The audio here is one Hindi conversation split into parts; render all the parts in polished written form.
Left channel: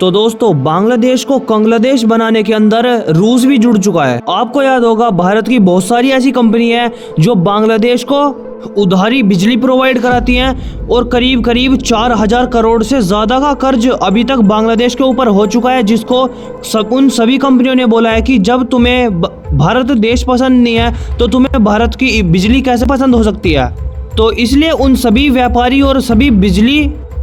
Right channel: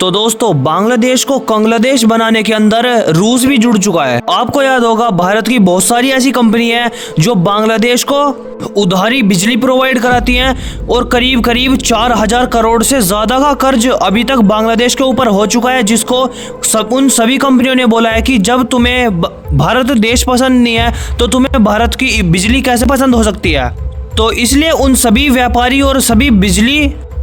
तो दोस्तों बांग्लादेश को कंग्लादेश बनाने के अंदर रूस भी जुड़ चुका है। आपको याद होगा भारत की बहुत सारी ऐसी कंपनी है जो बांग्लादेश को उधारी बिजली प्रोवाइड कराती हैं और करीब करीब 4000 करोड़ से ज्यादा का कर्ज अभी तक बांग्लादेश के ऊपर हो चुका है, जिसको उन सभी कंपनियों ने बोला है कि जब तुम्हें भारत देश पसंद नहीं है तो तुम्हें भारत की बिजली कैसे पसंद हो सकती है। तो इसलिए उन सभी व्यापारी और सभी बिजली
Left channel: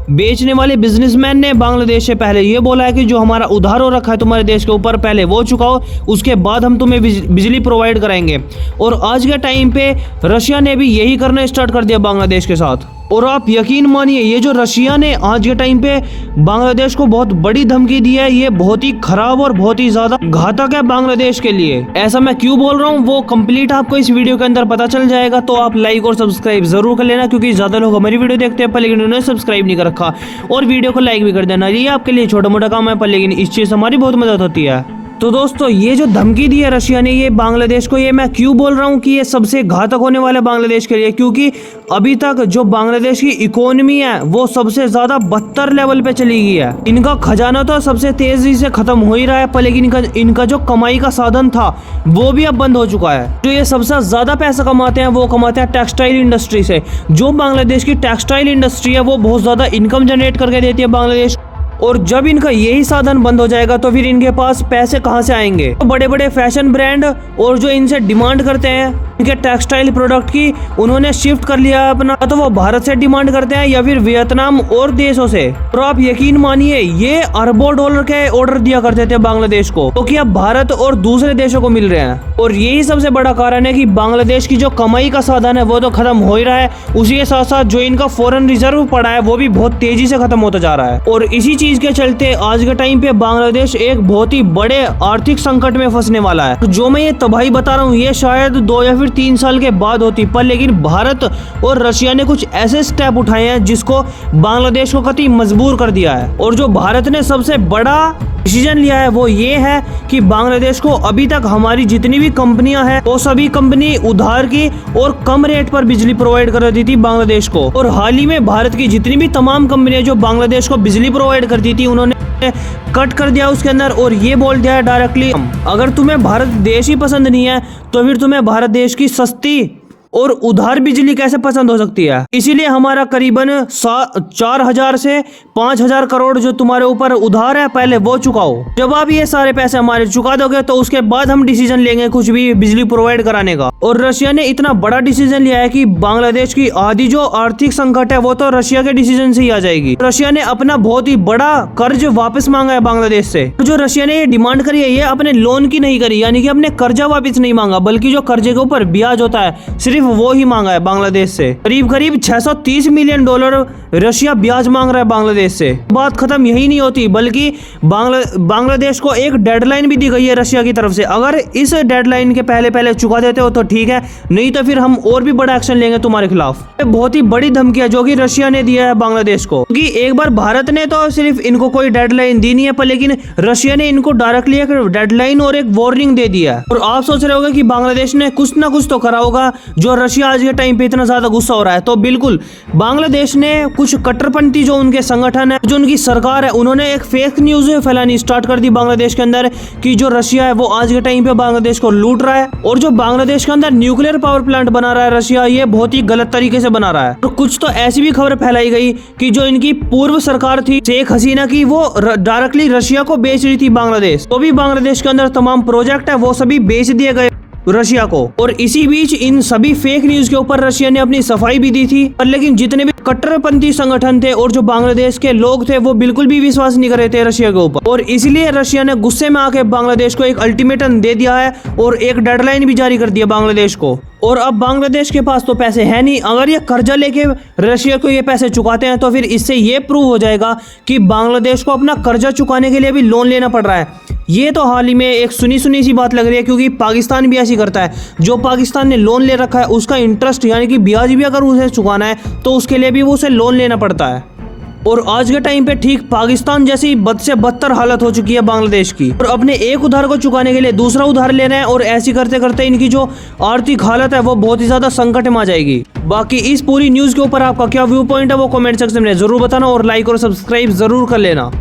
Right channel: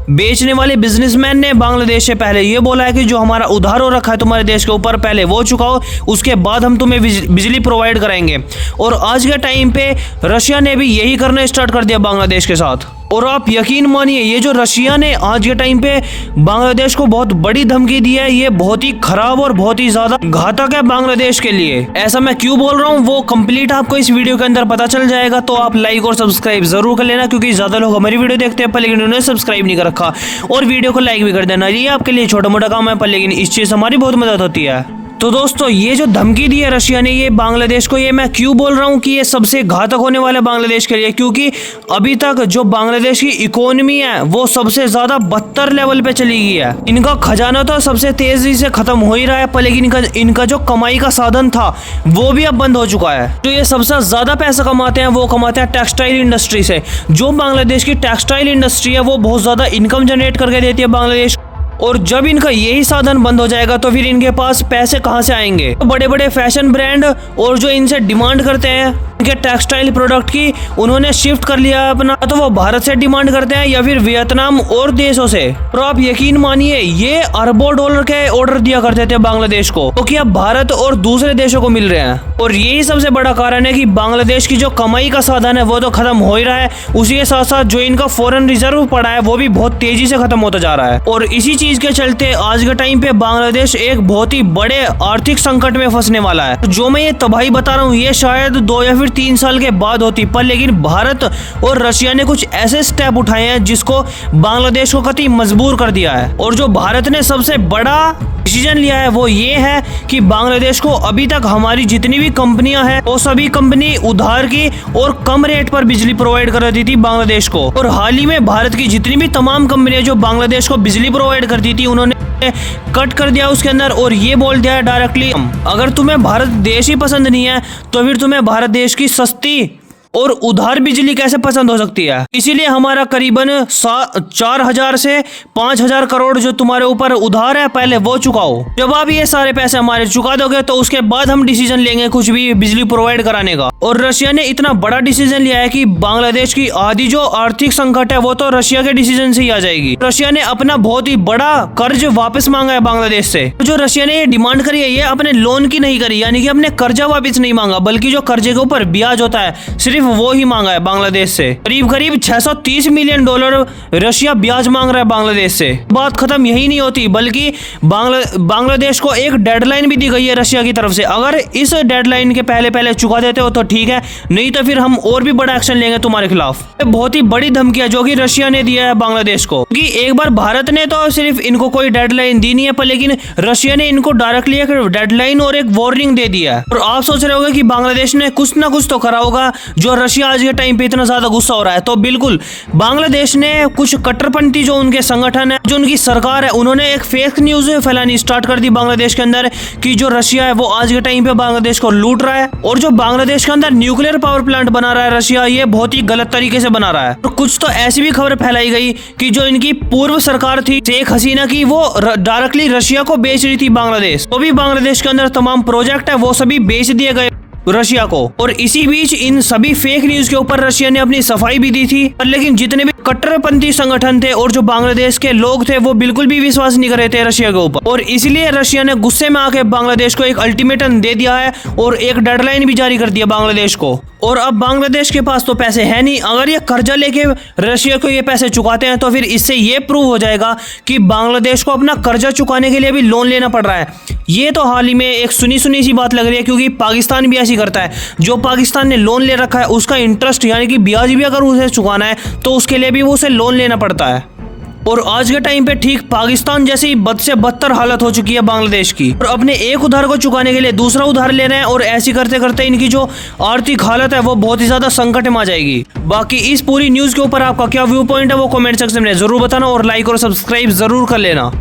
बेचने वाले बिजनेसमैन ने बांग्लादेश से पहले ये बोला है कि जो हमारा उधार हो रखा है तुम्हारे देश के ऊपर पहले वो चुकाओ, उसके बाद हम तुम्हें बिजली प्रोवाइड कराएंगे। और आज के टाइम पे रशिया ने भी यही करना स्टार्ट कर दिया बांग्लादेश के साथ। और आप यकीन मानिए ये जो रशिया ने आज के टाइम पे बांग्लादेश को बहुत बड़ी धमकी दी है, ये बहुत ही खराब और बहुत ही ज्यादा घातक है बांग्लादेश के लिए। ऐसा मैं क्यों बोल रहा हूँ वो कंप्लीट आपको इस वीडियो के अंदर पता चल जाएगा। तो आप लाइक और सब्सक्राइब जरूर कर लेना, क्योंकि ज्यादा लोग हमारी वीडियो देखते हैं पर लेकिन उन्होंने सब्सक्राइब नहीं कर रखा। और वीडियो को लाइक भी कर देना, ये आपके लिए छोटा मोटा काम है पर लेकिन इस चीज से हमारी बहुत मदद होती है। तो दोस्तों ये जो धमकी दी है रशिया ने ये बांग्लादेश को, ये मैं क्यों बोल रहा हूँ कि ये सबसे घातक होने वाला है बांग्लादेश के लिए, क्योंकि अभी तक जो बांग्लादेश की इकोनॉमी है वो सबसे ज्यादा बदतर लेवल पे चली गई है। इनका खजाना तो सबसे तेजी से खत्म हो ही रहा है पर लेकिन इनका जो कमाई का साधन था वो भी अब बंद हो चुका है। जो ये सबसे ज्यादा पैसा कमाते हैं वो कमाते हैं टेक्सटाइल इंडस्ट्री से। जो बांग्लादेश की टेक्सटाइल इंडस्ट्री है वो बहुत ज्यादा इनकम जनरेट करके देती है बांग्लादेश। और जब इनका यही साधन बंद हो जाएगा तो फिर इनके पास पैसे कहां से आएंगे। तो बड़े बड़े फैशन ब्रांड और जो इनसे डिमांड करते हैं इनके टेक्सटाइल प्रोडक्ट की, उन्होंने शिफ्ट कर लिया अपना, तो वो भारत से डिमांड करते हैं या फिर वियतनाम और देशों से। और आप यकीन मानिए ये अरबों डॉलर के ऑर्डर दिया करते थे बांग्लादेश को, क्योंकि अब भारत और दूसरे देशों को मिल रहे हैं। और यही सबसे बड़ा कारण है कि बांग्लादेश की जो कमाई का साधन है वो तो खत्म हो ही रहा है, उसी के साथ साथ जो इनका फॉरेन रिजर्व पड़ा है वो भी बहुत तेजी से खत्म होता जा रहा है। और इसी चीज के चलते आज के टाइम पे बांग्लादेश एक बहुत ही बड़े आर्थिक संकट में फंसने वाला है। जो मैं ये तबाही बता रहा हूँ ये शायद 2 या फिर 3 साल के बाद होती, पर लेकिन भारत और रशिया ने कुछ ऐसे स्टेप उठाए हैं जिसको बांग्लादेश को कतई मजबूर कर दिया है। और जो भारत ने सबसे बड़ा डिसीजन लिया है वो ये है कि बांग्लादेश को अभी तक हमारी जितनी भी कंपनियां हैं वो सभी कंपनी उधार की और कम रेट पर बिजली प्रोवाइड कर रही थी बांग्लादेश को। और हाल ही में भारत की जितनी भी तमाम कंपनियां जो बांग्लादेश को बिजली प्रोवाइड करती थी उन्होंने कट कर दिया उसके अंदर और ये बोल दिया डायरेक्टली अगर तुम्हें भारत देश ही पसंद नहीं है तो फिर तुम्हें भारत देश की सस्ती और उधार बिजली कैसे पसंद हो सकती है। इसीलिए हमारा करीबन 4000 से 5000 करोड़ जो तुम्हारे ऊपर उधार है पहले वो चुकाओ। जब आप ये सारे पैसे हमारे चुका दोगे तो उसके बाद हम डिसीजन लेंगे कुछ भी बिजली प्रोवाइड कराने का। और रशिया ने इतना बड़ा डिसीजन लिया है कि बांग्लादेश की आधी जो आर्थिक संकट है वो तो रशिया के डिसीजन से ही आ जाएगी। रशिया ने अपना बहुत ही बड़ा कर्ज वापस मांगा है बांग्लादेश से। जो रशिया ने ये डिमांड करी है ये अपने लोन की नहीं करी, यानी कि अपने कर्जा वापस नहीं मांगा, बल्कि जो कर्जे के ऊपर ब्याज होता है सिर्फ वो ही मांगा है बांग्लादेश से। करीब करीब 630 मिलियन डॉलर रशिया ब्याज मांग रहा है बांग्लादेश से। बात खत्म यही नहीं होती, बल्कि बांग्लादेश को एक डेडलाइन भी दी गई है रशिया की तरफ से। अगर इस डेडलाइन के पहले चुका देते हो तो ठीक है, नहीं तो फिर हम और भी बड़ा एक्शन लेंगे तुम्हारे खिलाफ। बहुत ही बड़ी धमकी है जो कि रशिया ने दिया है बांग्लादेश को, क्योंकि एक बार भारत ने तो सिर्फ इनको कोई डेडलाइन दी नहीं है पर लेकिन रशिया ने इनको डायरेक्टली एक डेडलाइन और एक वार्निंग दे दिया है। और आप सोच रहे होंगे कि बांग्लादेश ने कुछ ना कुछ तो करा होगा जो रशिया आज के टाइम पे इतना ज्यादा गुस्सा हो रहा है। तो बिल्कुल बांग्लादेश ने कुछ कट्टरपंथी जो उनके संगठन है, जो उनकी सरकार है, उन्होंने एक फेक न्यूज फैलानी स्टार्ट कर दी बांग्लादेश के अंदर कि जो रशिया है वो आज के टाइम पे बांग्लादेश को लूट रहा है और जो बांग्लादेश के अंदर न्यूक्लियर पावर प्लांट बना रहा है रशिया, ये बहुत ही गलत तरीके से बना रहा है। और कुछ तो ऐसी भी खबर फैलाई गई कि जो इनकी पूर्व सरकार थी शेख हसीना की, वो डायरेक्टली रशिया को बेच रही थी बांग्लादेश। तो भी बांग्लादेश के अंदर तमाम प्रोजेक्ट है वो सभी बेच दिए गए रशिया को। और इसी बीच इन सभी फेक न्यूज के ऊपर रशिया ने अपनी सफाई भी दी थी, पर लेकिन जितने भी कट्टरपंथी संगठन थे और जो बांग्लादेश के लोग थे वो बिल्कुल भी विश्वास नहीं कर रहे थे रशिया के ऊपर। और इसलिए रशिया ने गुस्से में आके बांग्लादेश को एक अल्टीमेटम दे दिया है और एक डेडलाइन भी जारी कर दिया बांग्लादेश को। और अब बांग्लादेश के पास तो पैसे है नहीं, अगर ये कर्जा लेके रशिया को ये पैसे चुकाते हैं तो फिर इससे ये प्रूव हो जाएगा कि बांग्लादेश को अपना कर्जा चुकाने के लिए भी लोन लेना पड़ रहा है। ये तो हाल ही में एक सुनी सी बात लग रही है, क्योंकि पाकिस्तान भी ऐसी करता है। जो पाकिस्तान ने लोन ले रखा है उसका इंटरेस्ट यानी कि ब्याज भी अगर उसे चुकाना है तो उसके लिए भी उसे लोन लेना पड़ता है। और आज के टाइम पे ठीक पाकिस्तान जैसी बद से बदतर हालत हो चुकी है बांग्लादेश की, और अपने एक उधार को चुकाने के लिए दूसरा उधार ले रहे हैं और ऐसी करते करते इनकी जो आर्थिक हालत है वो बहुत ही ज्यादा संकट में आ जाएगी। बाकी इस पूरी न्यूज के ऊपर आपका क्या व्यू पॉइंट है वो कमेंट सेक्शन में जरूर बताना और लाइक और सब्सक्राइब जरूर कर लेना।